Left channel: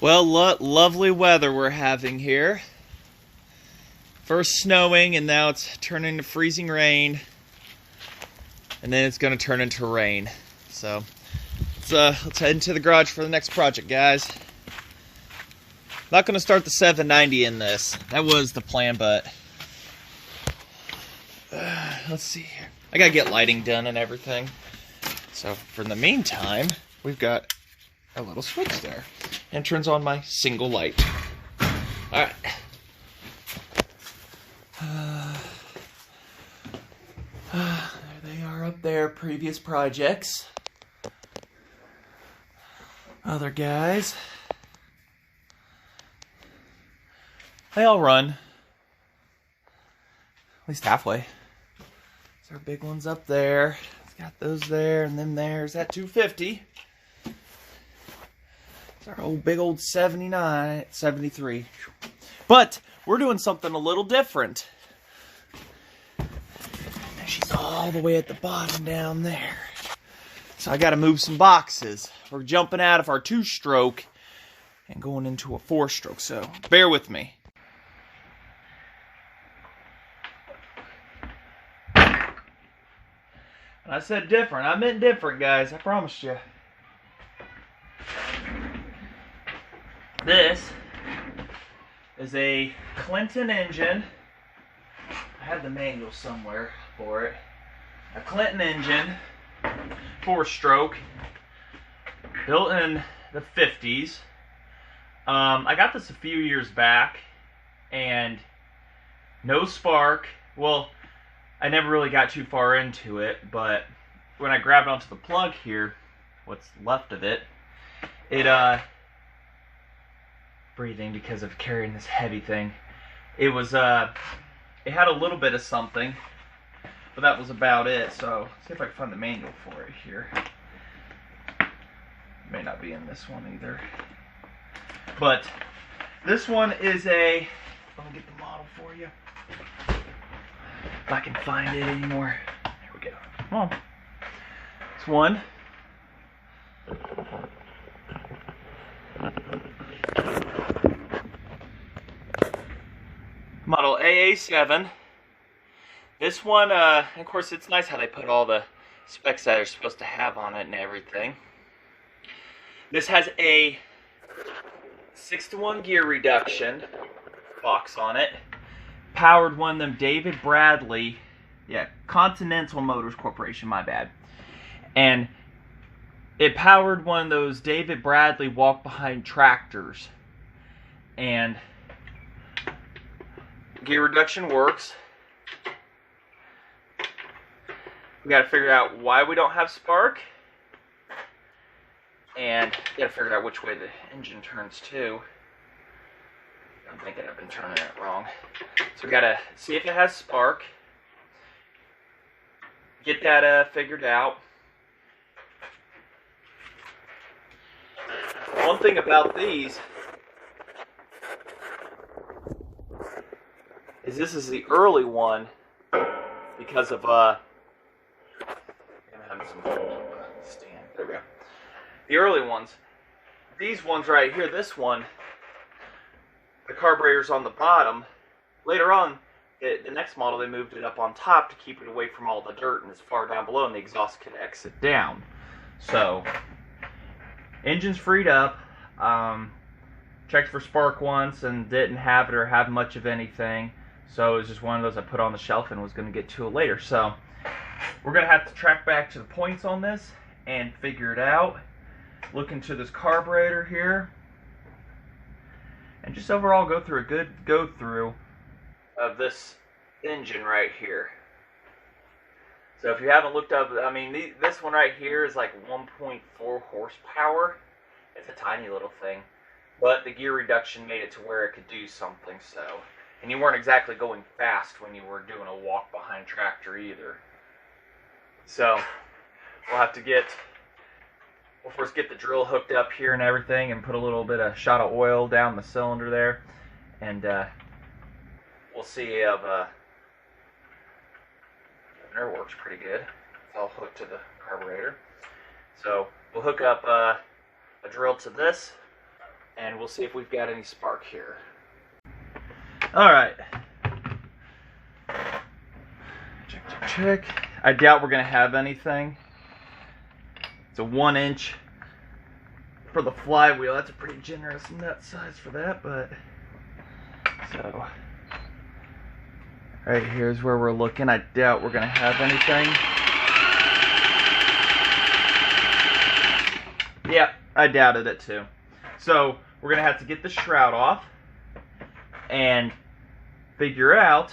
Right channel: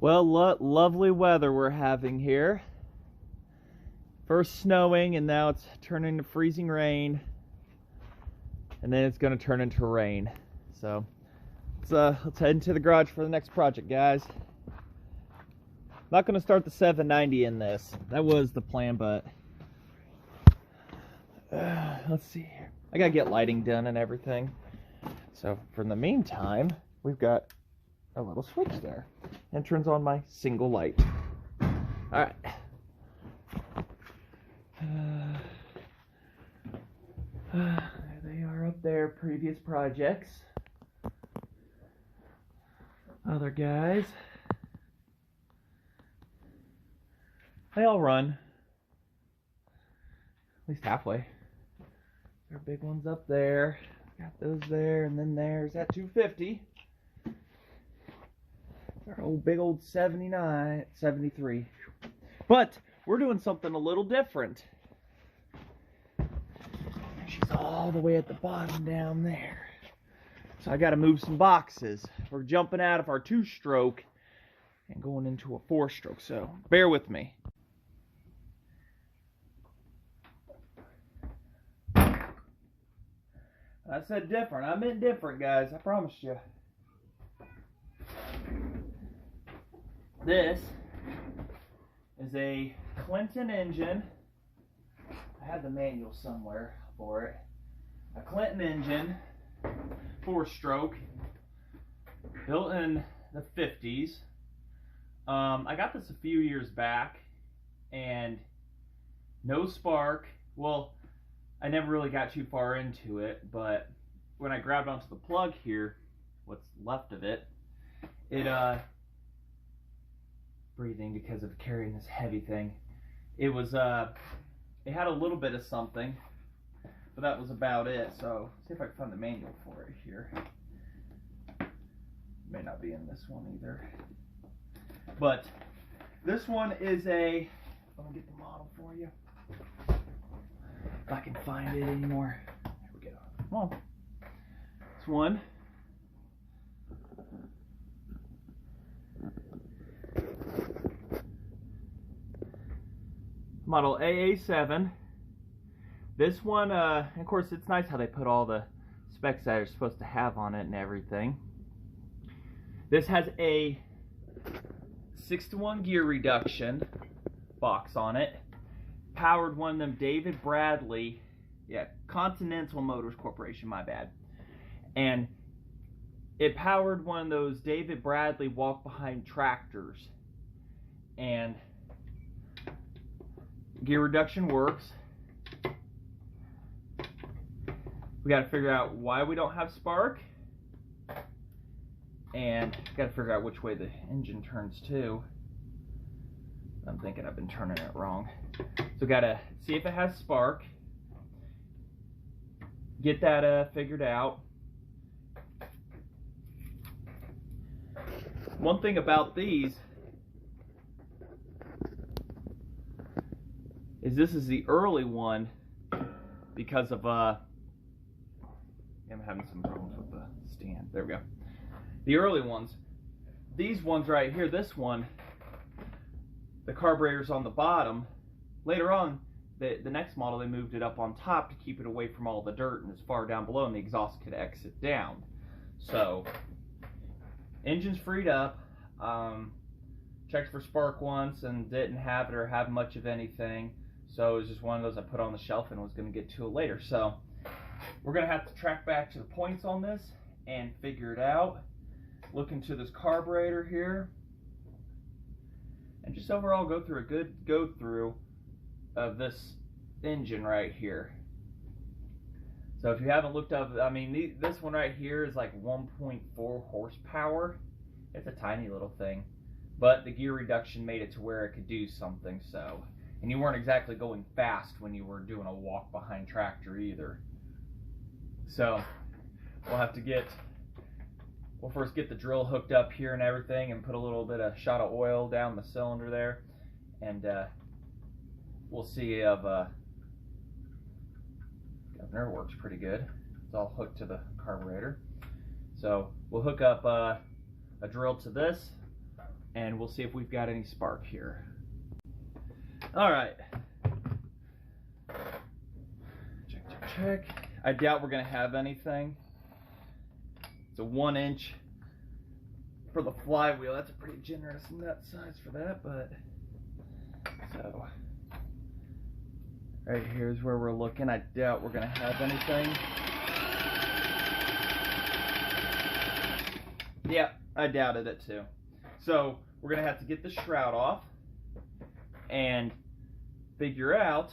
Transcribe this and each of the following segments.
Well, lovely weather we're having here. First snowing, and now it's turning to freezing rain, and then it's going to turn into rain. So let's head into the garage for the next project, guys. Not going to start the 790 in this. That was the plan, but let's see here. I got to get lighting done and everything. So for the meantime, we've got a little switch there, and turns on my single light. All right. There they are up there, previous projects. Other guys. They all run. At least halfway. There's our big ones up there. It's got those there, and then there's that 250. It's our big old 79, 73. But we're doing something a little different. She's all the way at the bottom down there. So I got to move some boxes. We're jumping out of our 2-stroke and going into a 4-stroke. So bear with me. And I said different. I meant different, guys. I promised you. This is a Clinton engine. I had the manual somewhere for it. A Clinton engine, 4-stroke, built in the 50s. I got this a few years back, and no spark. Well, I never really got too far into it, but when I grabbed onto the plug here, what's left of it, breathing because of carrying this heavy thing. It was it had a little bit of something, but that was about it. So let's see if I can find the manual for it here. May not be in this one either. But this one is a, let me get the model for you. If I can find it anymore. There we go. Come on. It's one. Model AA7. This one, of course, it's nice how they put all the specs that they're supposed to have on it and everything. This has a 6-to-1 gear reduction box on it. Powered one of them David Bradley, Continental Motors Corporation, my bad. And it powered one of those David Bradley walk-behind tractors. And gear reduction works. We got to figure out why we don't have spark, and got to figure out which way the engine turns too. I'm thinking I've been turning it wrong. So we got to see if it has spark, get that figured out. One thing about these is this is the early one because of I'm having some trouble with the stand. There we go. The early ones. These ones right here, this one, the carburetor's on the bottom. Later on, the next model, they moved it up on top to keep it away from all the dirt and as far down below, and the exhaust could exit down. So, engine's freed up. Checked for spark once and didn't have it or have much of anything. So it was just one of those I put on the shelf and was going to get to it later. So we're going to have to track back to the points on this and figure it out. Look into this carburetor here. And just overall go through a good go-through of this engine right here. So if you haven't looked up, I mean, this one right here is like 1.4 horsepower. It's a tiny little thing. But the gear reduction made it to where it could do something, so. And you weren't exactly going fast when you were doing a walk-behind tractor either. So, we'll have to we'll first get the drill hooked up here and everything and put a little bit of shot of oil down the cylinder there. And we'll see if the nerve works pretty good. It's all hooked to the carburetor. So, we'll hook up a drill to this. and we'll see if we've got any spark here. All right. Check. I doubt we're gonna have anything. It's a 1 inch for the flywheel. That's a pretty generous nut size for that, but so right here's where we're looking. I doubt we're gonna have anything. Yeah, I doubted it too. So we're gonna have to get the shroud off and figure out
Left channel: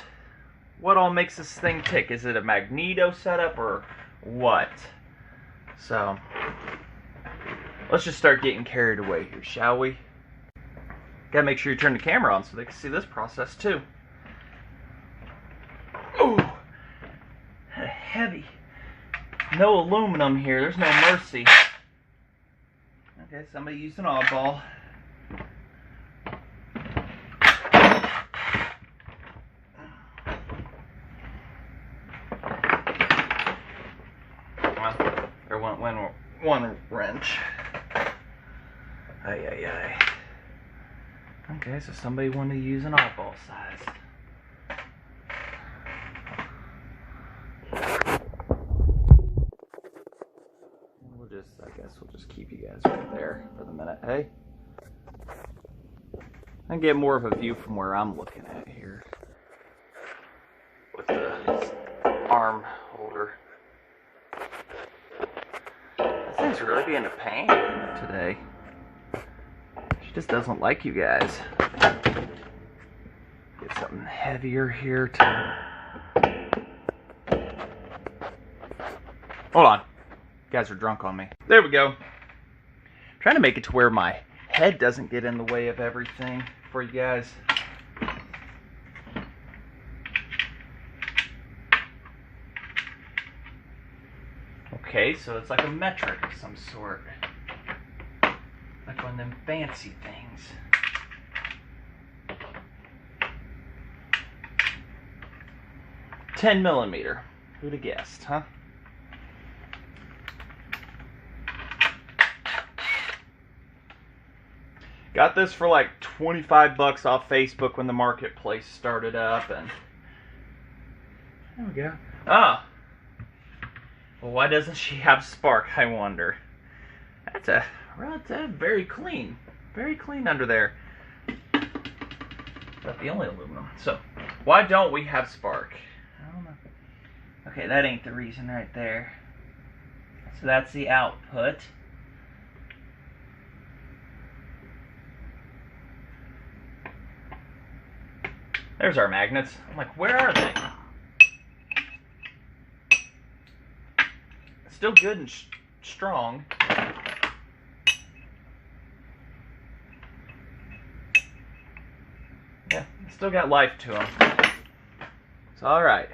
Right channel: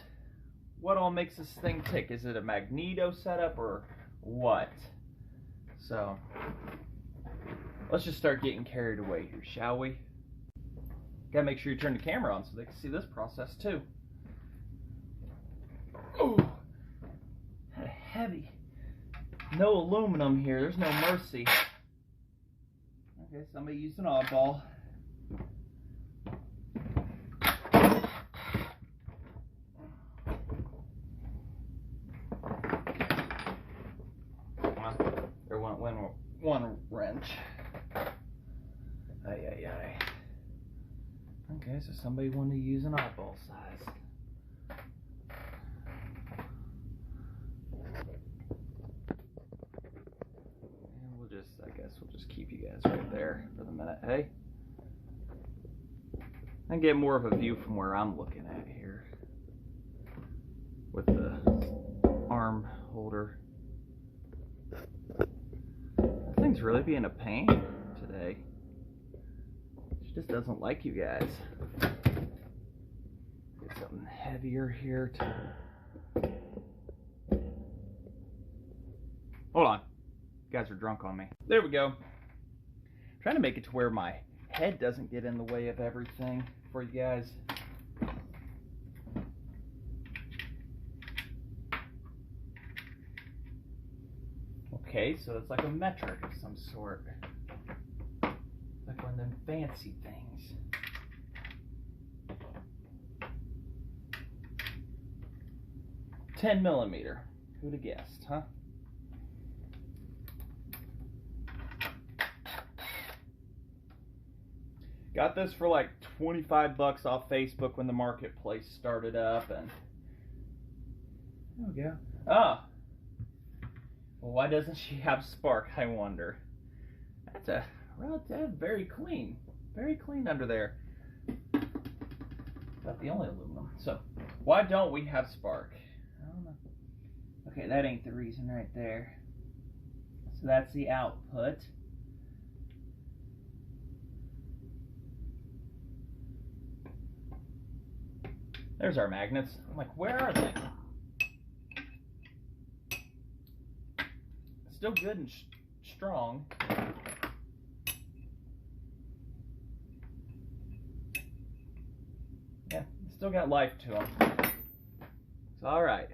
what all makes this thing tick. Is it a magneto setup or what? So let's just start getting carried away here, shall we? Gotta make sure you turn the camera on so they can see this process too. Ooh, heavy. No aluminum here, there's no mercy. Okay, somebody used an oddball. Well, there went one wrench. Ay. Okay, so somebody wanted to use an oddball size. I guess we'll just keep you guys right there for the minute. Hey, I can get more of a view from where I'm looking at here with the arm holder. This thing's really being a pain today. She just doesn't like you guys. Get something heavier here too. Hold on. You guys are drunk on me. There we go. I'm trying to make it to where my head doesn't get in the way of everything for you guys. Okay, so it's like a metric of some sort. Like one of them fancy things. $10mm. Who'd have guessed, huh? Got this for like 25 bucks off Facebook when the marketplace started up, and there we go. Oh, well, why doesn't she have spark, I wonder? That's very clean under there. Not the only aluminum. So why don't we have spark? I don't know. Okay, that ain't the reason right there. So that's the output. There's our magnets. I'm like, where are they? Still good and strong. Yeah, still got life to them. It's all right.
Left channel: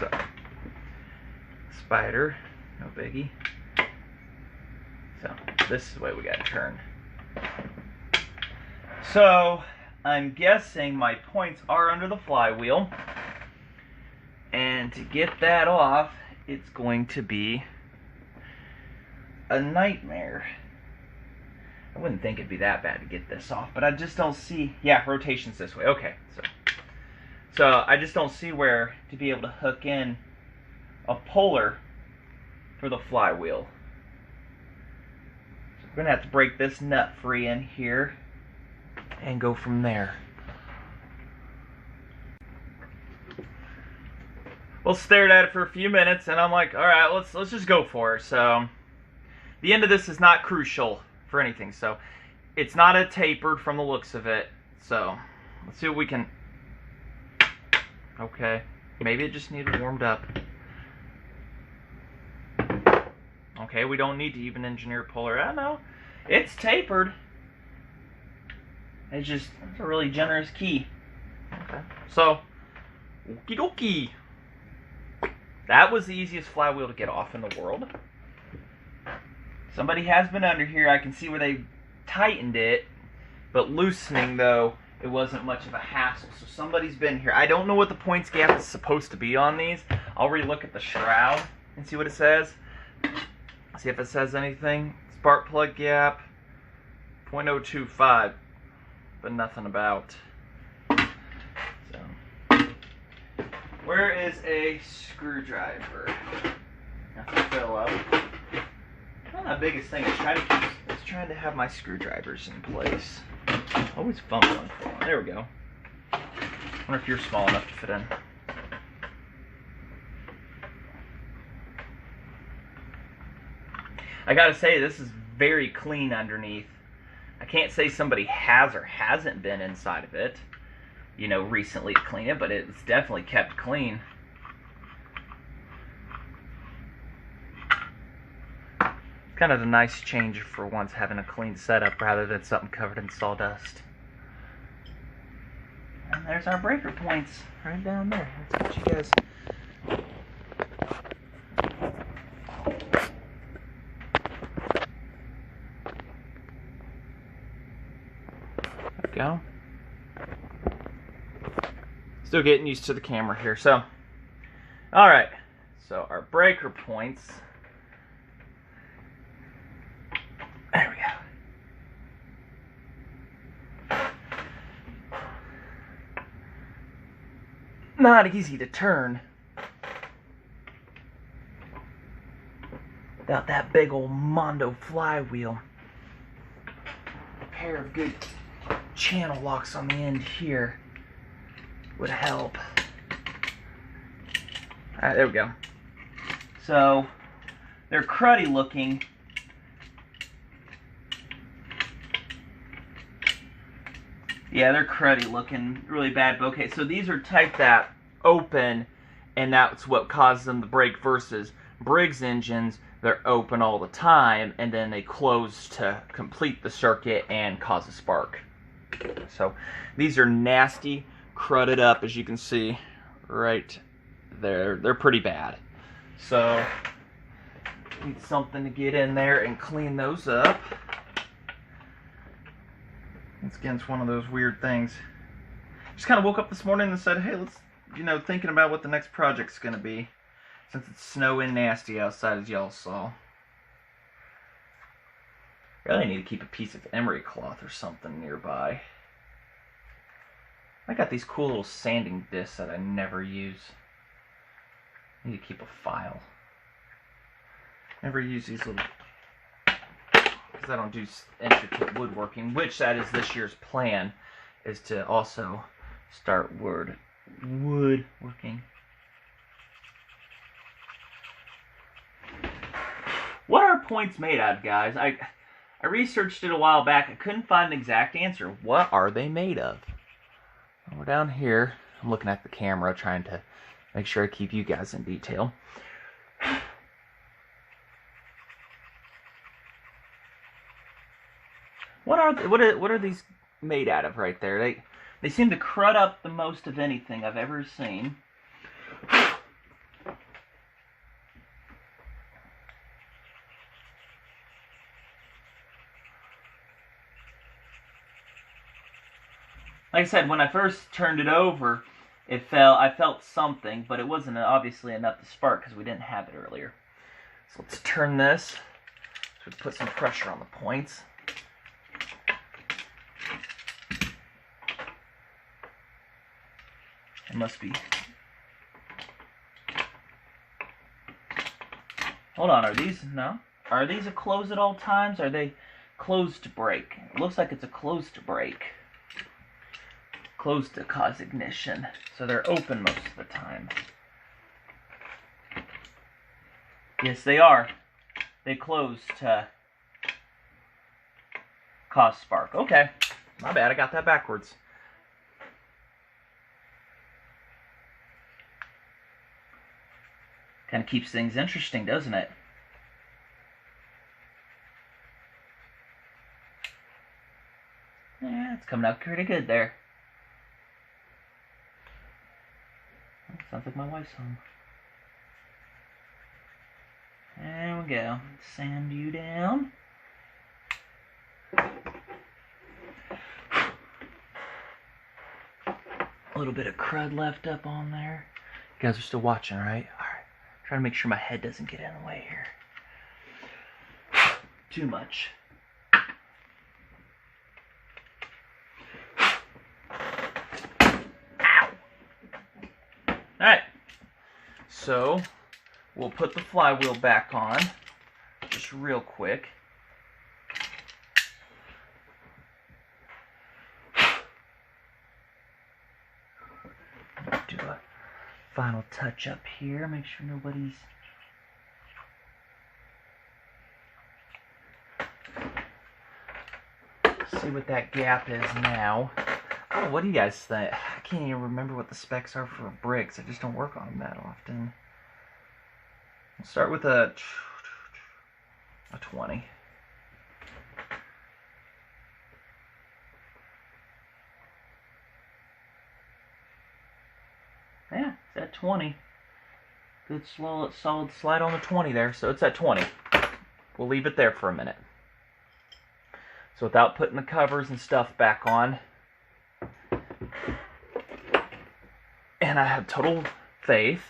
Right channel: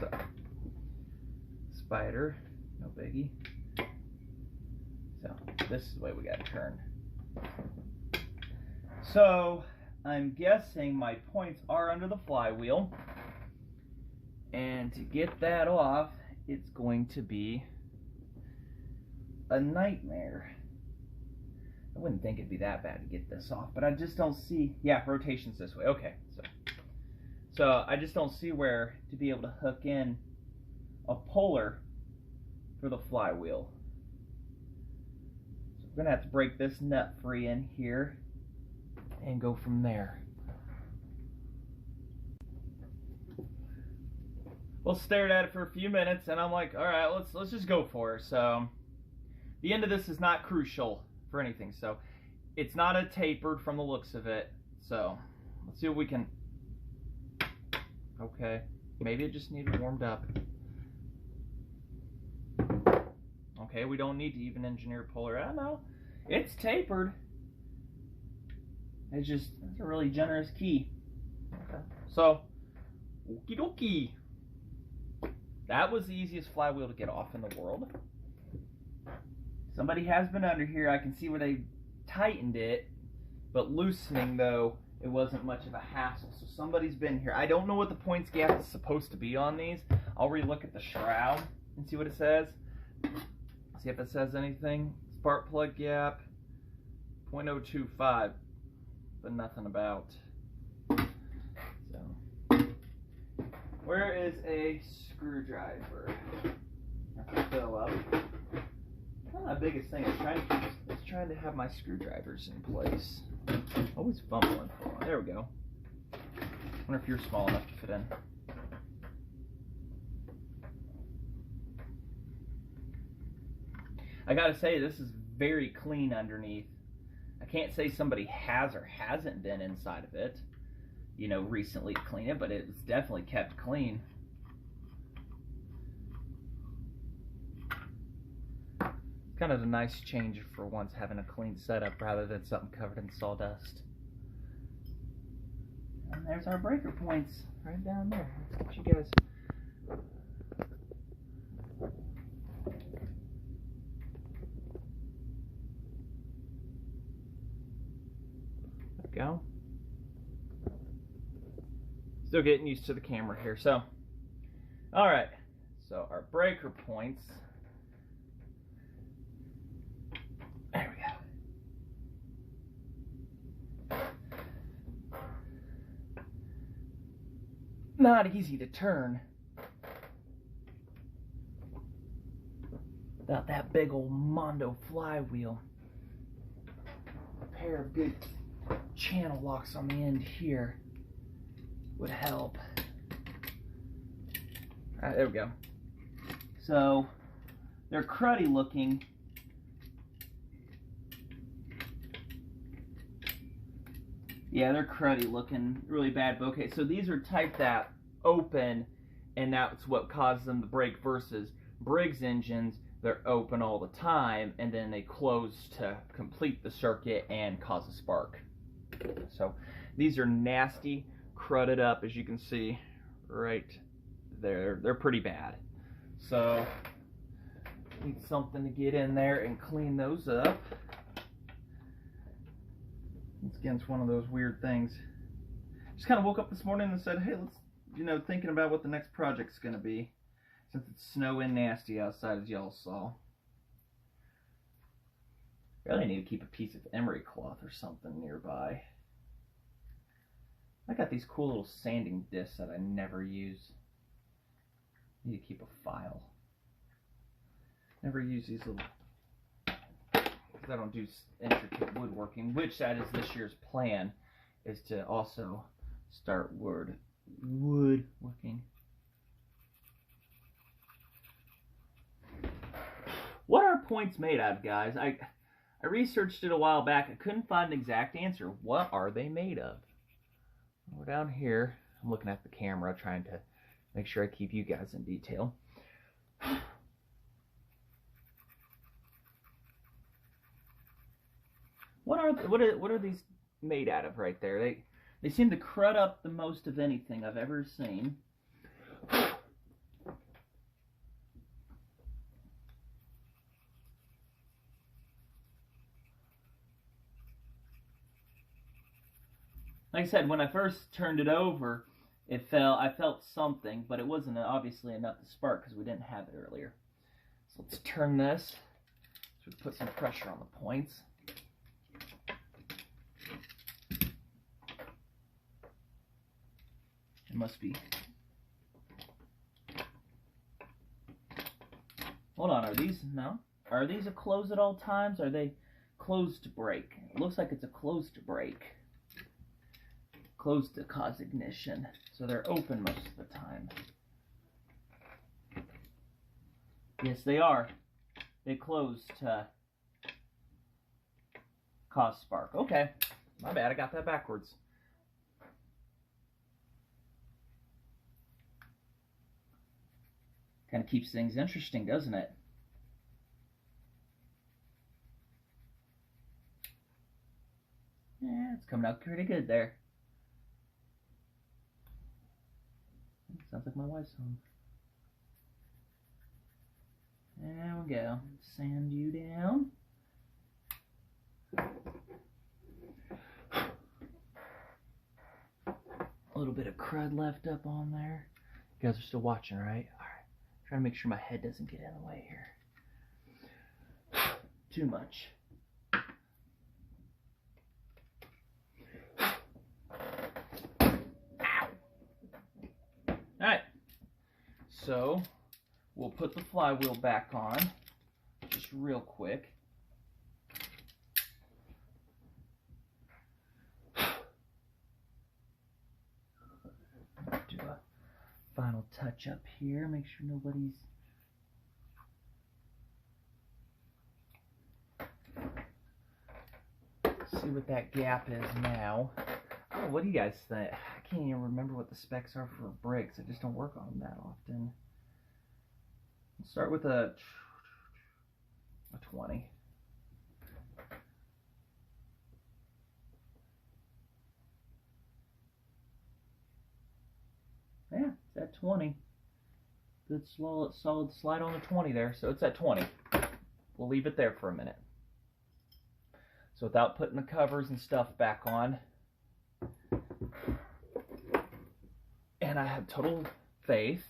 So, spider, no biggie. So, this is the way we got to turn. So, I'm guessing my points are under the flywheel, and to get that off, it's going to be a nightmare. I wouldn't think it'd be that bad to get this off, but I just don't see, yeah, rotation's this way, okay, so I just don't see where to be able to hook in a puller for the flywheel. So we're gonna have to break this nut free in here and go from there. Well, stared at it for a few minutes, and I'm like, all right, let's just go for it. So the end of this is not crucial for anything. So it's not a tapered from the looks of it. So let's see what we can. Okay, maybe it just needed warmed up. Okay, we don't need to even engineer puller. I know it's tapered. It's a really generous key. Okay. So, okie dokie. That was the easiest flywheel to get off in the world. Somebody has been under here. I can see where they tightened it, but loosening though, it wasn't much of a hassle. So somebody's been here. I don't know what the points gap is supposed to be on these. I'll relook at the shroud and see what it says. See if it says anything. It's Spark plug gap, 0.025, but nothing about. So, where is a screwdriver? Have to fill up. One of the biggest thing is trying to have my screwdrivers in place. Always fumbling for them. There we go. I wonder if you're small enough to fit in. I gotta say, this is very clean underneath. I can't say somebody has or hasn't been inside of it, you know, recently to clean it, but it's definitely kept clean. It's kind of a nice change for once, having a clean setup rather than something covered in sawdust. And there's our breaker points right down there. Let's get you guys. Go. Still getting used to the camera here. So, all right. So our breaker points. There we go. Not easy to turn without that big old Mondo flywheel. A pair of good channel locks on the end here would help. Alright, there we go. So they're cruddy looking. Yeah, they're cruddy looking, really bad. But okay, so these are type that open, and that's what causes them to break, versus Briggs engines, they're open all the time and then they close to complete the circuit and cause a spark. So these are nasty, crudded up, as you can see right there. They're pretty bad. So need something to get in there and clean those up. Once again, it's one of those weird things. Just kind of woke up this morning and said, hey, let's, you know, thinking about what the next project's going to be, since it's snowing nasty outside, as y'all saw. Really need to keep a piece of emery cloth or something nearby. I got these cool little sanding discs that I never use. I need to keep a file. Never use these little, because I don't do intricate woodworking, which that is this year's plan, is to also start woodworking. What are points made out of, guys? I researched it a while back. I couldn't find an exact answer. What are they made of? Well, we're down here. I'm looking at the camera, trying to make sure I keep you guys in detail. What are these made out of right there? They seem to crud up the most of anything I've ever seen. Like I said, when I first turned it over, it fell. I felt something, but it wasn't obviously enough to spark because we didn't have it earlier. So let's turn this. So we put some pressure on the points. It must be. Hold on, are these, no? Are these a close at all times? Are they closed to break? It looks like it's a closed to break. Closed to cause ignition. So they're open most of the time. Yes, they are. They close to cause spark. Okay. My bad, I got that backwards. Kind of keeps things interesting, doesn't it? Yeah, it's coming out pretty good there. Sounds like my wife's home. There we go. Sand you down. A little bit of crud left up on there. You guys are still watching, right? Alright. Trying to make sure my head doesn't get in the way here. too much. Alright, so we'll put the flywheel back on just real quick. Do a final touch up here, make sure nobody's see what that gap is now. Oh, what do you guys think? I can't even remember what the specs are for brakes. I just don't work on them that often. We'll start with a 20. Yeah, it's at 20. Good slow, solid slide on the 20 there, so it's at 20. We'll leave it there for a minute. So without putting the covers and stuff back on, and I have total faith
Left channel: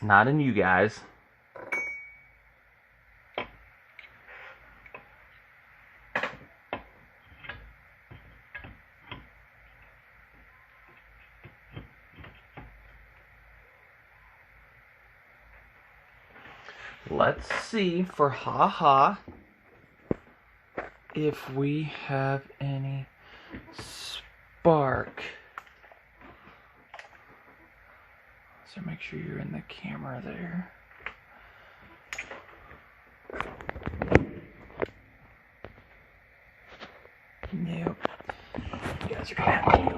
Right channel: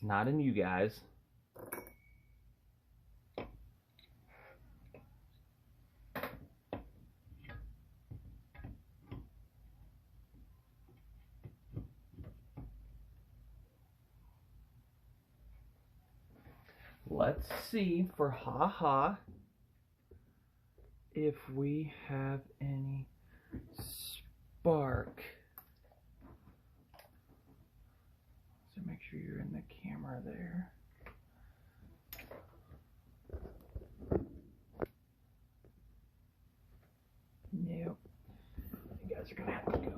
not in you guys. Let's see for haha if we have any spark. So make sure you're in the camera there. Nope. You guys are gonna have to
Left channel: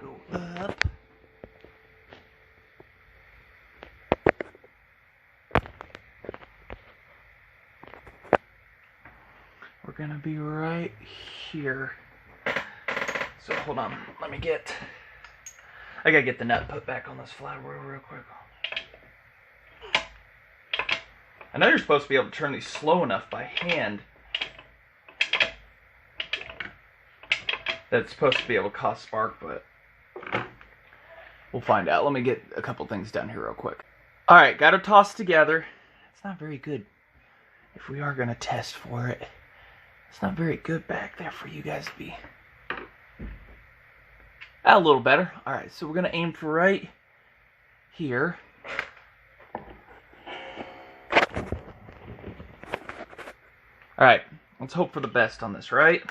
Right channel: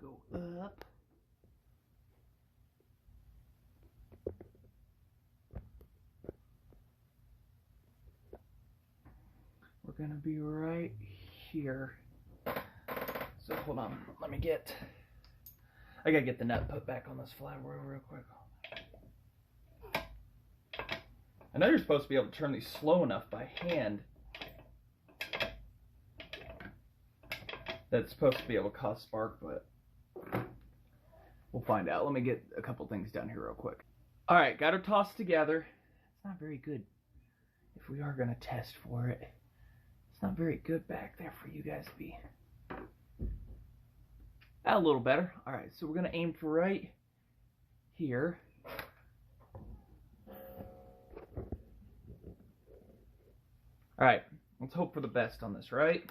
go up. We're gonna be right here. So hold on, I gotta get the nut put back on this flywheel real quick. I know you're supposed to be able to turn these slow enough by hand that it's supposed to be able to cause spark, but we'll find out. Let me get a couple things done here real quick. Alright, got it tossed together. It's not very good. If we are gonna test for it, it's not very good back there for you guys to be. A little better. Alright, so we're going to aim for right here. Alright, let's hope for the best on this, right?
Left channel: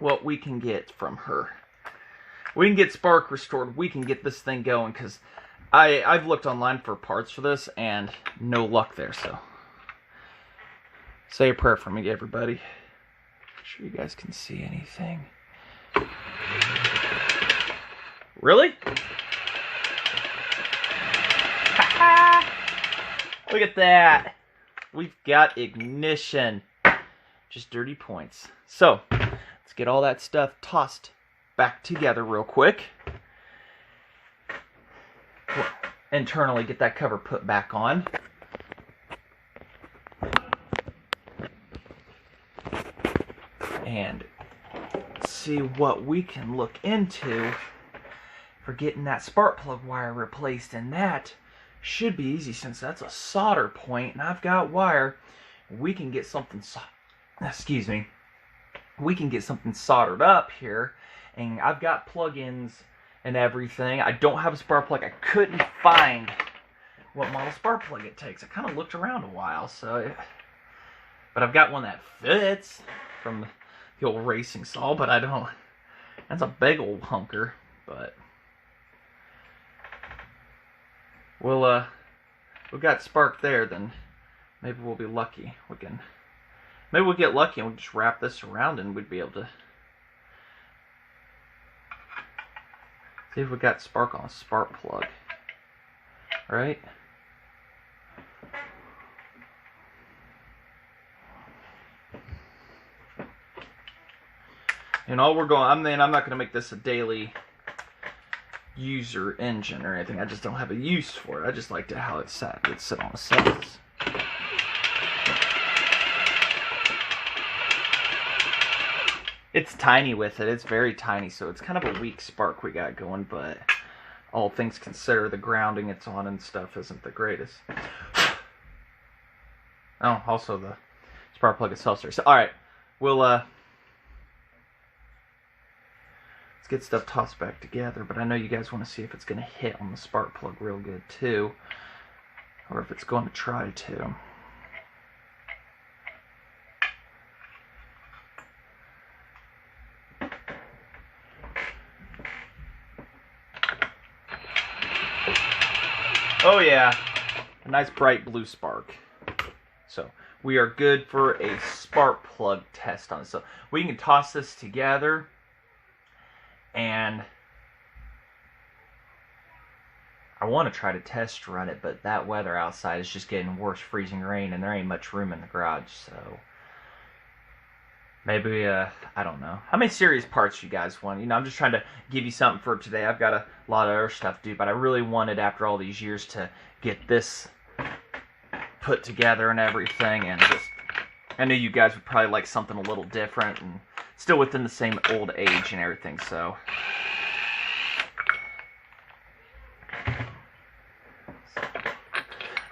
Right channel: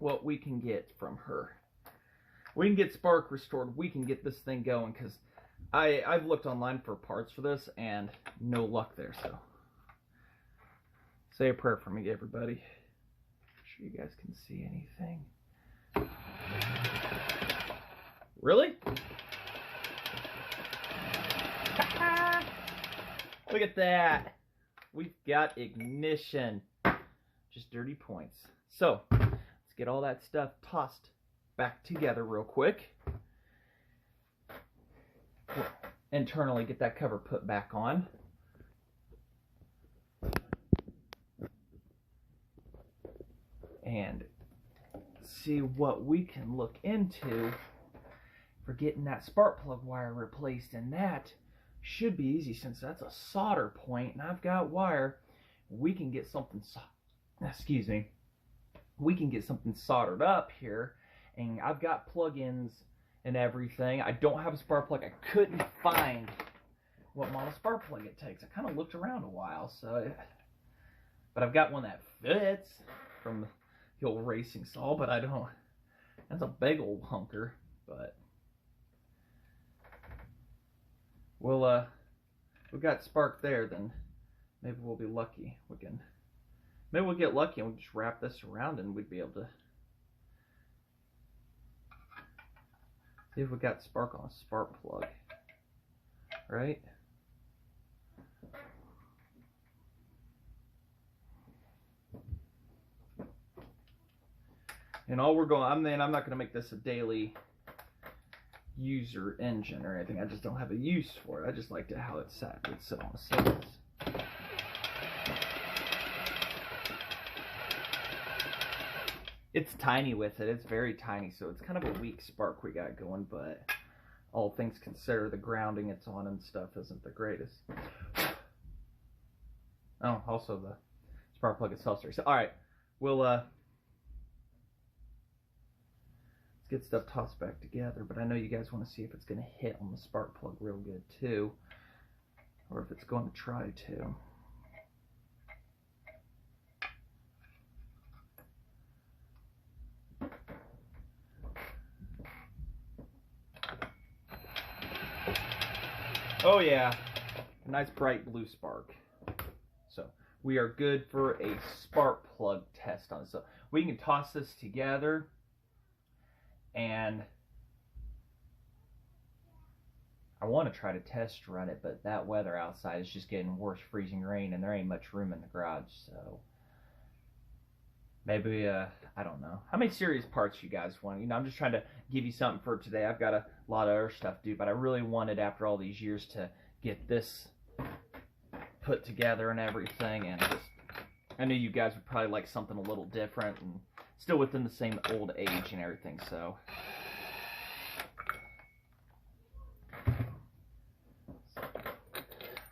What we can get from her. We can get spark restored. We can get this thing going, because I've looked online for parts for this and no luck there, so. Say a prayer for me, everybody. Make sure you guys can see anything. Really? Look at that. We've got ignition. Just dirty points. So, let's get all that stuff tossed back together real quick. Internally, get that cover put back on. And see what we can look into for getting that spark plug wire replaced, and that should be easy since that's a solder point and I've got wire. We can get something we can get something soldered up here, and I've got plug-ins and everything. I don't have a spark plug. I couldn't find what model spark plug it takes. I kind of looked around a while, but I've got one that fits from the old racing saw, but I don't. That's a big old hunker, but we've got spark there. Then maybe we'll be lucky. Maybe we'll get lucky and we'll just wrap this around and we'd be able to see if we got spark on a spark plug, right? And all we're going, I'm not going to make this a daily user engine or anything. I just don't have a use for it. I just like how it's set. It's set on the settings. It's tiny with it. It's very tiny, so it's kind of a weak spark we got going, but all things considered, the grounding it's on and stuff isn't the greatest. Oh, also the spark plug itself. So, all right, we'll let's get stuff tossed back together. But I know you guys want to see if it's going to hit on the spark plug real good too, or if it's going to try to. Oh yeah, a nice bright blue spark. So we are good for a spark plug test on this. So we can toss this together, and I want to try to test run it, but that weather outside is just getting worse, freezing rain, and there ain't much room in the garage. So maybe, I don't know. How many serious parts you guys want? You know, I'm just trying to give you something for today. I've got a lot of other stuff to do, but I really wanted, after all these years, to get this put together and everything. And just, I knew you guys would probably like something a little different and still within the same old age and everything, so.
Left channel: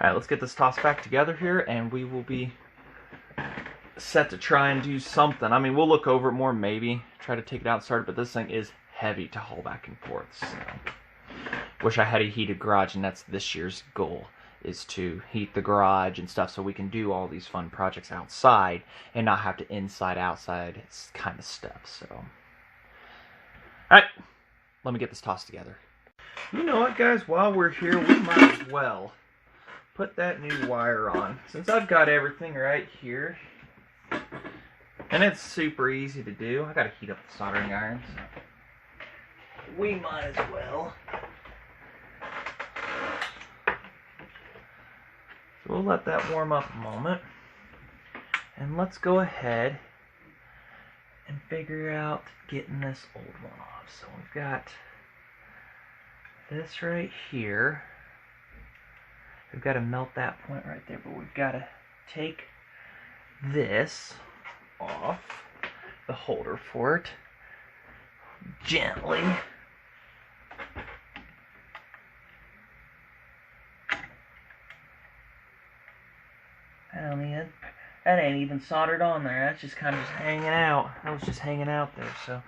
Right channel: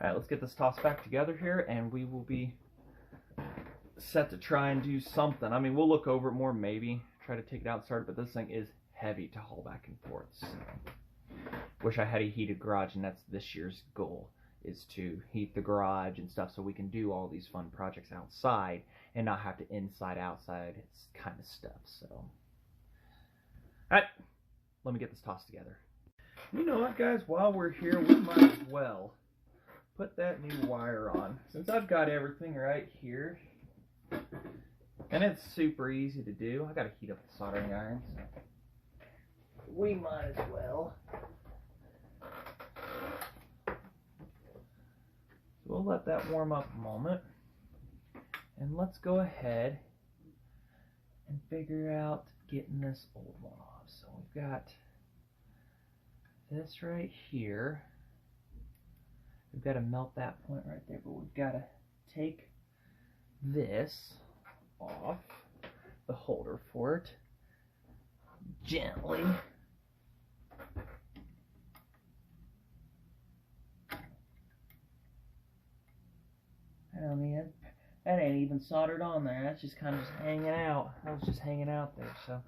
Alright, let's get this tossed back together here, and we will be set to try and do something. I mean, we'll look over it more, maybe try to take it out and start it, but this thing is heavy to haul back and forth. So wish I had a heated garage, and that's this year's goal, is to heat the garage and stuff so we can do all these fun projects outside and not have to inside outside kind of stuff. So alright, let me get this tossed together. You know what, guys, while we're here, we might as well put that new wire on, since I've got everything right here. And it's super easy to do. I gotta heat up the soldering iron, so we might as well. So we'll let that warm up a moment. And let's go ahead and figure out getting this old one off. So we've got this right here. We've got to melt that point right there, but we've got to take this off the holder for it gently. That ain't even soldered on there. That's just kind of just hanging out. That was just hanging out there. So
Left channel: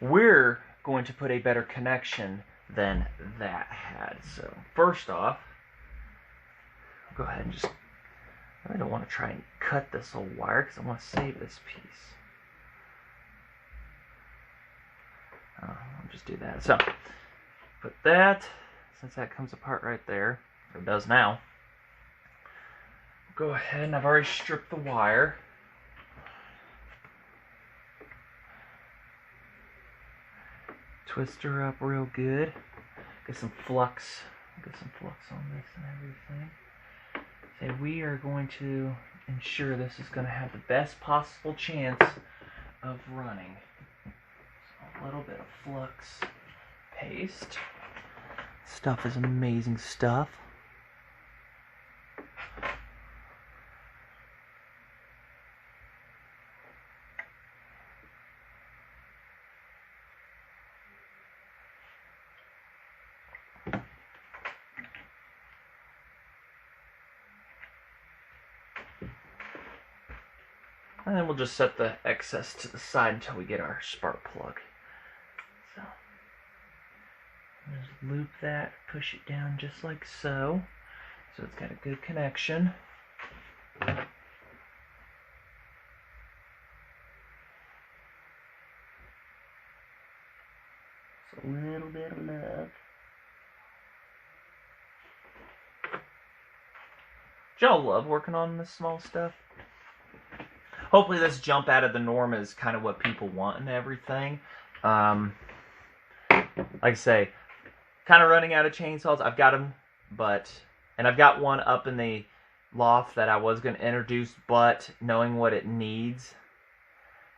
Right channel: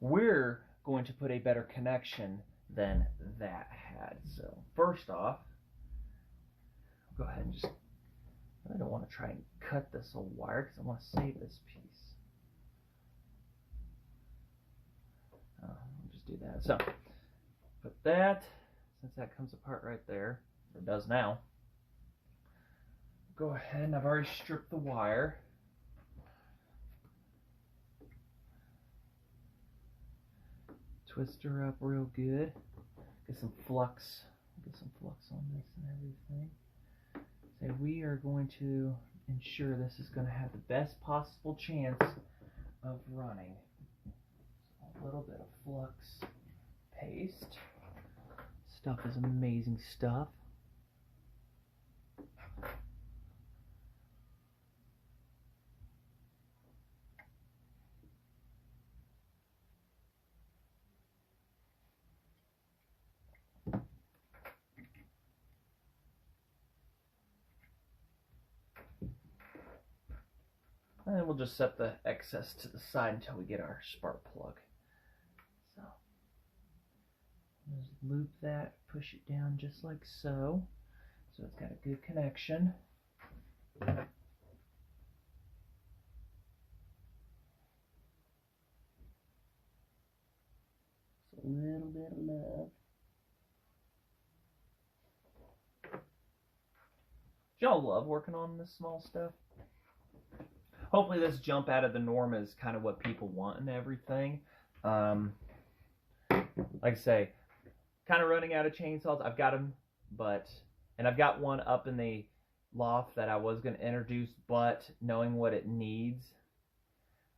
we're going to put a better connection than that had. So first off, I'll go ahead and just, I don't want to try and cut this old wire because I want to save this piece. I'll just do that. So put that, since that comes apart right there, or it does now, go ahead, and I've already stripped the wire. Twist her up real good. Get some flux. Get some flux on this and everything. So we are going to ensure this is going to have the best possible chance of running. So a little bit of flux paste. Stuff is amazing stuff. And then we'll just set the excess to the side until we get our spark plug. So, just loop that, push it down just like so. So it's got a good connection. Just a little bit of love. Y'all love working on this small stuff. Hopefully this jump out of the norm is kind of what people want and everything. Like I say, kind of running out of chainsaws. I've got them, and I've got one up in the loft that I was going to introduce, but knowing what it needs,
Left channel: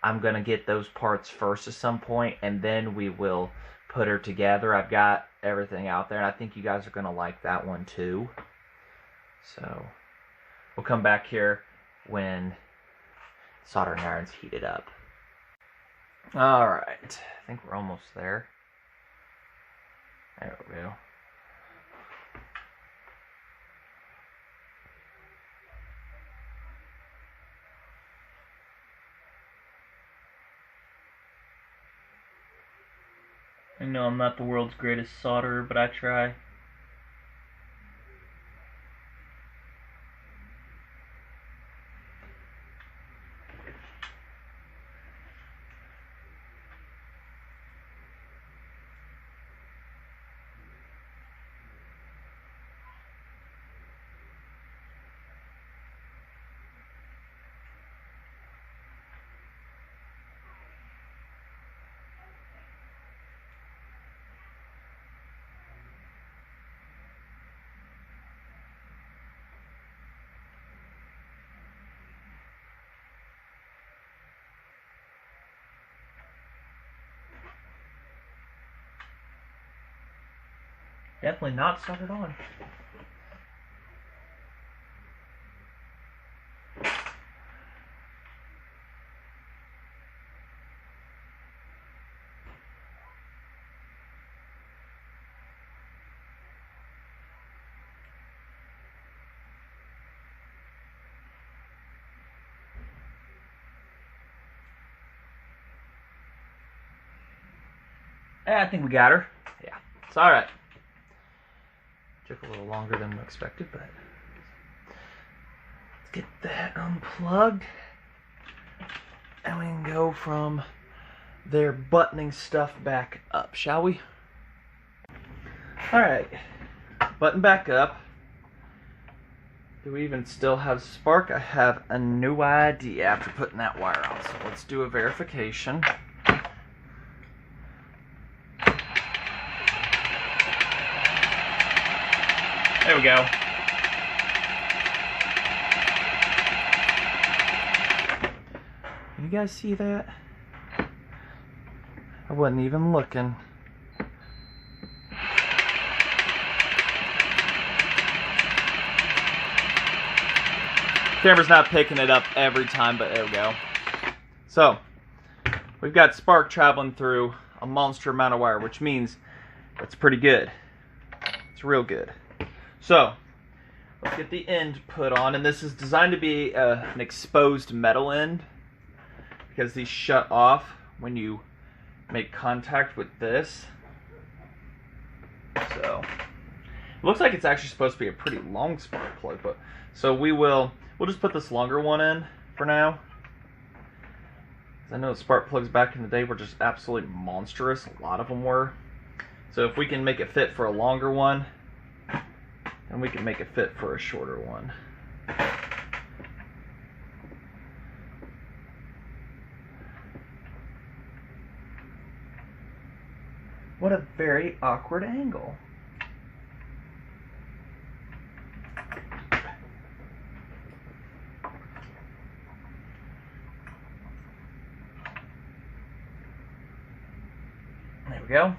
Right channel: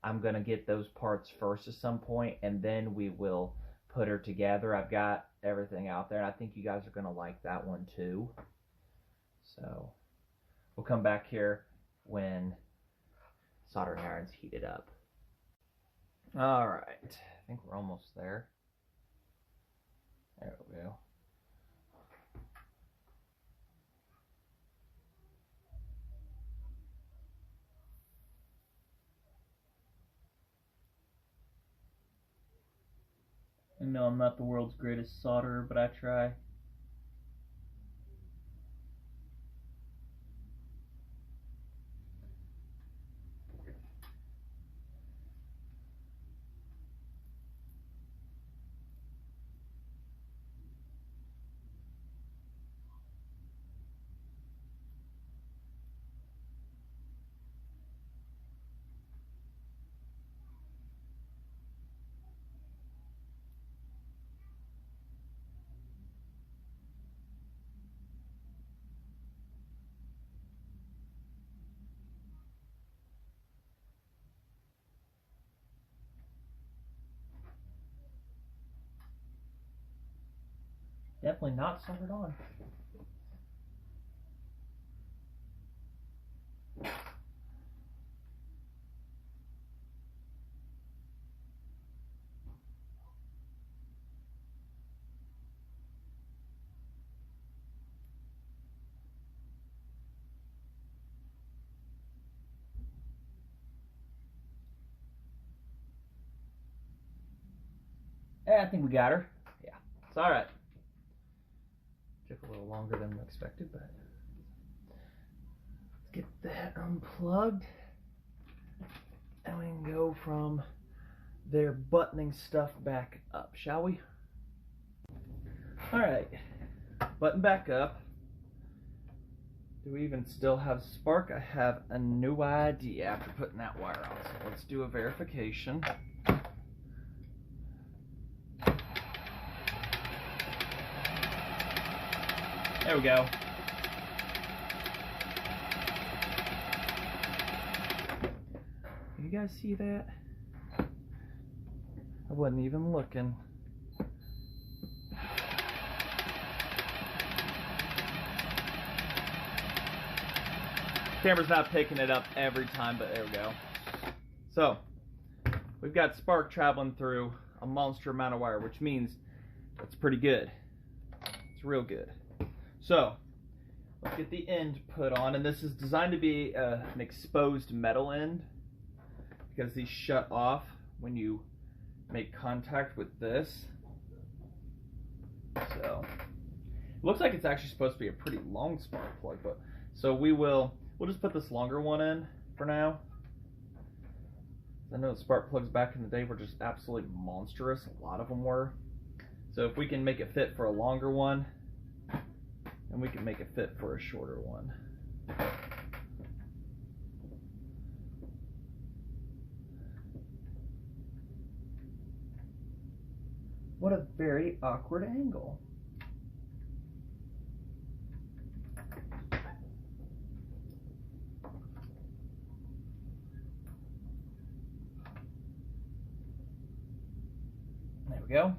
I'm going to get those parts first at some point, and then we will put her together. I've got everything out there, and I think you guys are going to like that one too. So we'll come back here when soldering iron's heated up. Alright, I think we're almost there. There we go. I know I'm not the world's greatest solderer, but I try. Definitely not soldered on. I think we got her. Yeah, it's all right. Took a little longer than expected, but let's get that unplugged, and we can go from there buttoning stuff back up, shall we? All right, button back up. Do we even still have spark? I have a new idea after putting that wire on, so let's do a verification. There we go. You guys see that? I wasn't even looking. Camera's not picking it up every time, but there we go. So, we've got spark traveling through a monster amount of wire, which means it's pretty good. It's real good. So, let's get the end put on, and this is designed to be an exposed metal end, because these shut off when you make contact with this. So, it looks like it's actually supposed to be a pretty long spark plug, but so we'll just put this longer one in for now. I know spark plugs back in the day were just absolutely monstrous. A lot of them were. So if we can make it fit for a longer one, and we can make it fit for a shorter one. What a very awkward angle. There we go.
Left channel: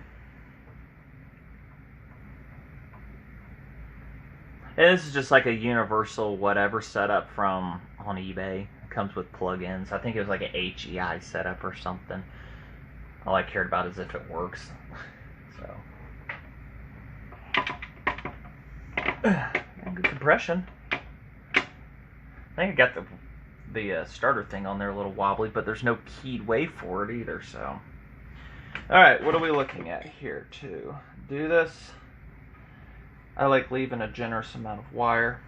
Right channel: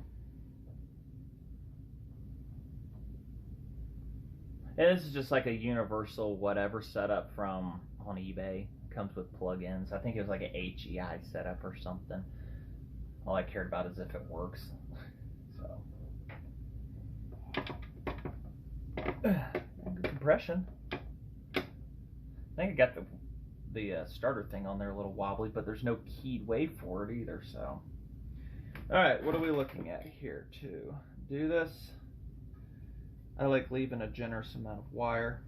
And this is just like a universal whatever setup from on eBay. It comes with plugins. I think it was like an HEI setup or something. All I cared about is if it works. So good compression. I think I got the starter thing on there a little wobbly, but there's no keyed wave for it either. So, all right, what are we looking at here to do this? I like leaving a generous amount of wire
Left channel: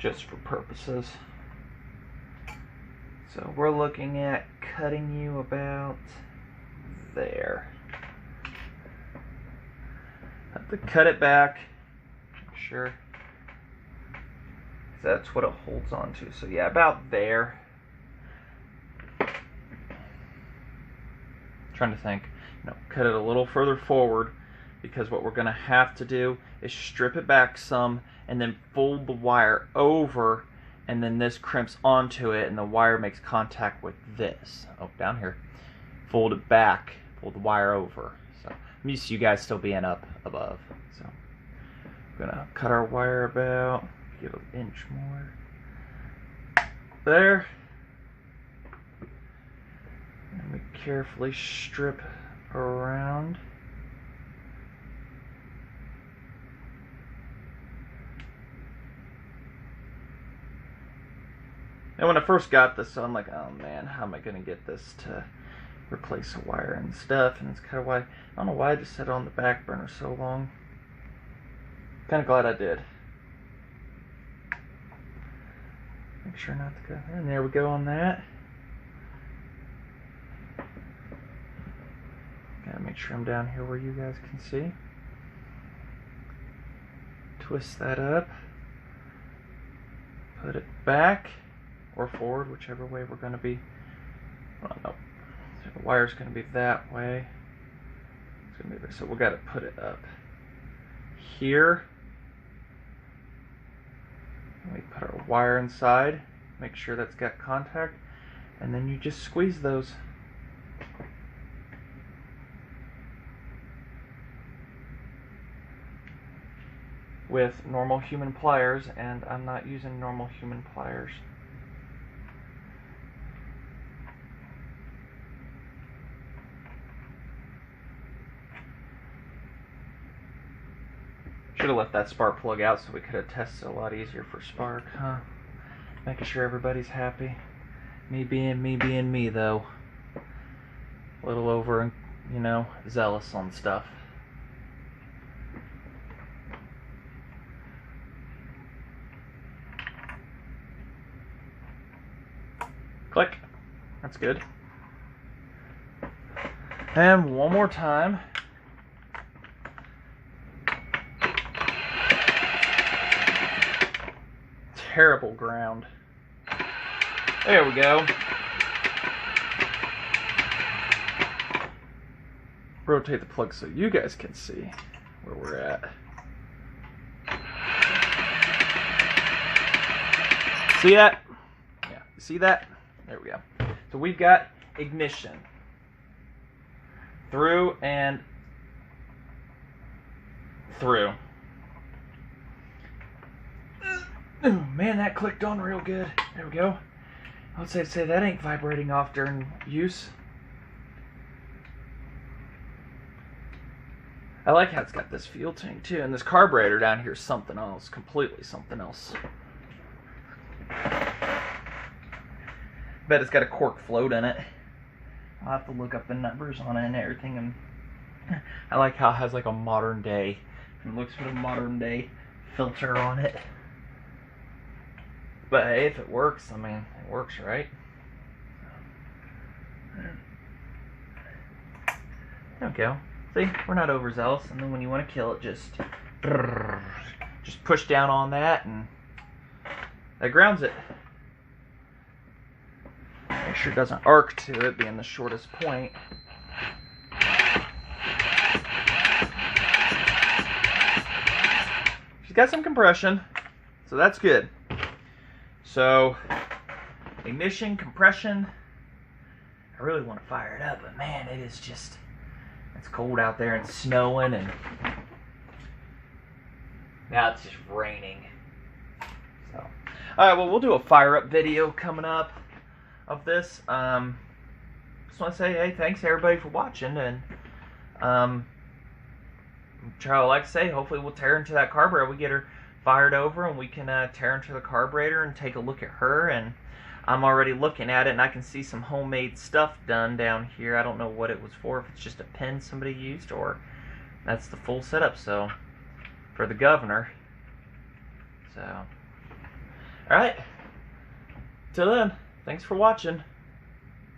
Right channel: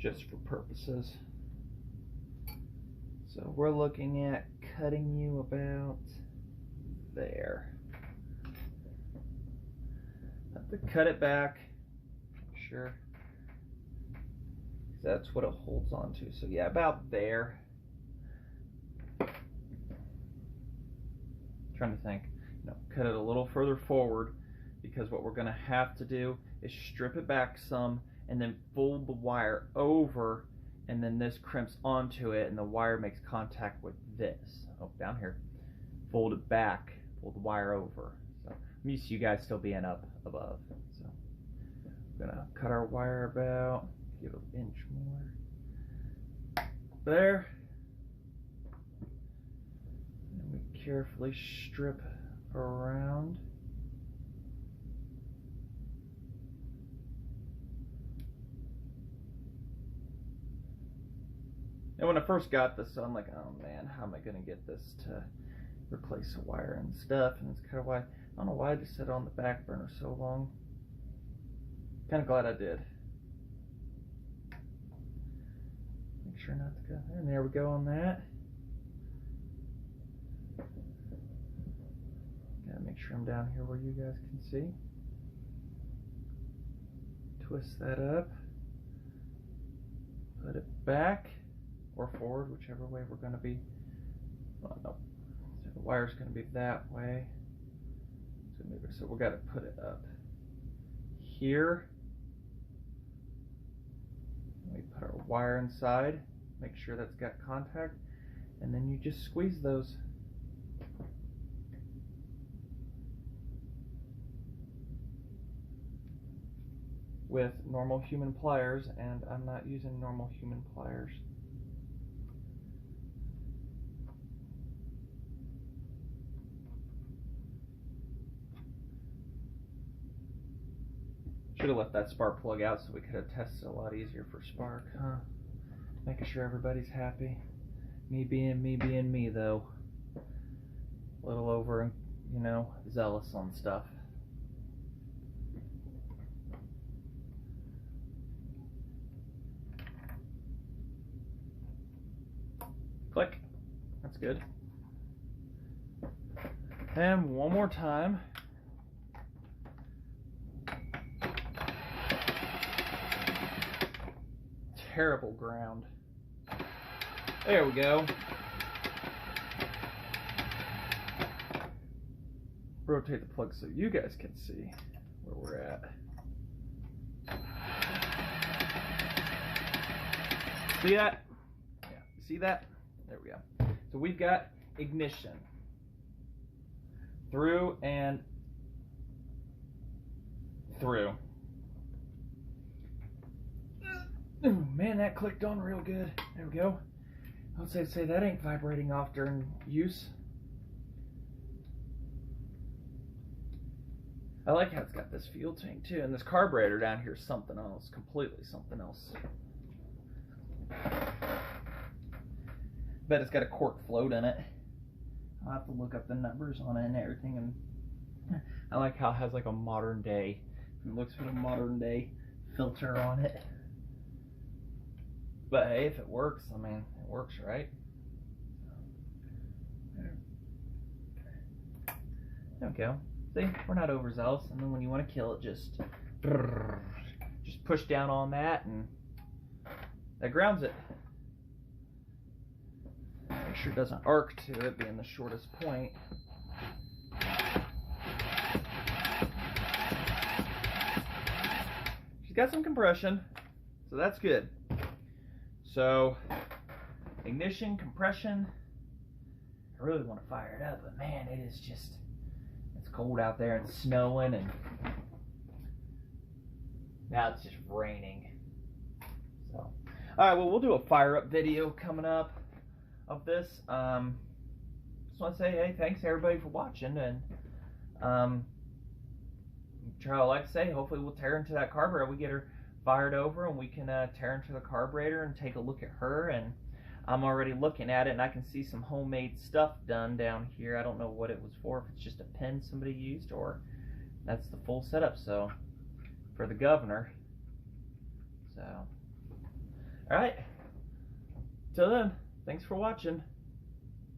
just for purposes. So we're looking at cutting you about there. Have to cut it back, make sure that's what it holds on to. So yeah, about there. Trying to think, cut it a little further forward, because what we're going to have to do is strip it back some and then fold the wire over, and then this crimps onto it and the wire makes contact with this. Oh, down here. Fold it back, fold the wire over. So I'm used to you guys still being up above. So we're going to cut our wire about, give an inch more. There. And we carefully strip around. And when I first got this, I'm like, oh man, how am I going to get this to replace the wire and stuff, and it's kind of why, I don't know why I just set it on the back burner so long. Kind of glad I did. Make sure not to go there, and there we go on that. Gotta make sure I'm down here where you guys can see. Twist that up, put it back or forward, whichever way we're going to be. Well, no, so the wire's going to be that way. It's going to be, so we got to put it up here. We put our wire inside, make sure that's got contact, and then you just squeeze those. With normal human pliers, and I'm not using normal human pliers. Should have left that spark plug out so we could have tested a lot easier for spark, huh? Making sure everybody's happy. Me being me though. A little over, you know, zealous on stuff. Click. That's good. And one more time. Terrible ground. There we go. Rotate the plug so you guys can see where we're at. See that? Yeah, you see that? There we go. So we've got ignition through and through. Ooh, man, that clicked on real good. There we go. I would say that ain't vibrating off during use. I like how it's got this fuel tank too, and this carburetor down here is something else, completely something else. Bet it's got a cork float in it. I'll have to look up the numbers on it and everything. And I like how it has like a modern day. It looks with a modern day filter on it. But hey, if it works, I mean, it works, right? There we go. See, we're not overzealous, and then when you want to kill it, just push down on that, and that grounds it. Make sure it doesn't arc to it, being the shortest point. She's got some compression, so that's good. So, ignition, compression. I really want to fire it up, but man, it is just, it's cold out there and snowing, and now it's just raining. So, alright, well, we'll do a fire up video coming up of this. Just want to say, hey, thanks everybody for watching, and like I say, hopefully we'll tear into that carburetor. We get her fired over, and we can tear into the carburetor and take a look at her. And I'm already looking at it, and I can see some homemade stuff done down here. I don't know what it was for, if it's just a pin somebody used, or that's the full setup. So for the governor. So alright, till then, thanks for watching.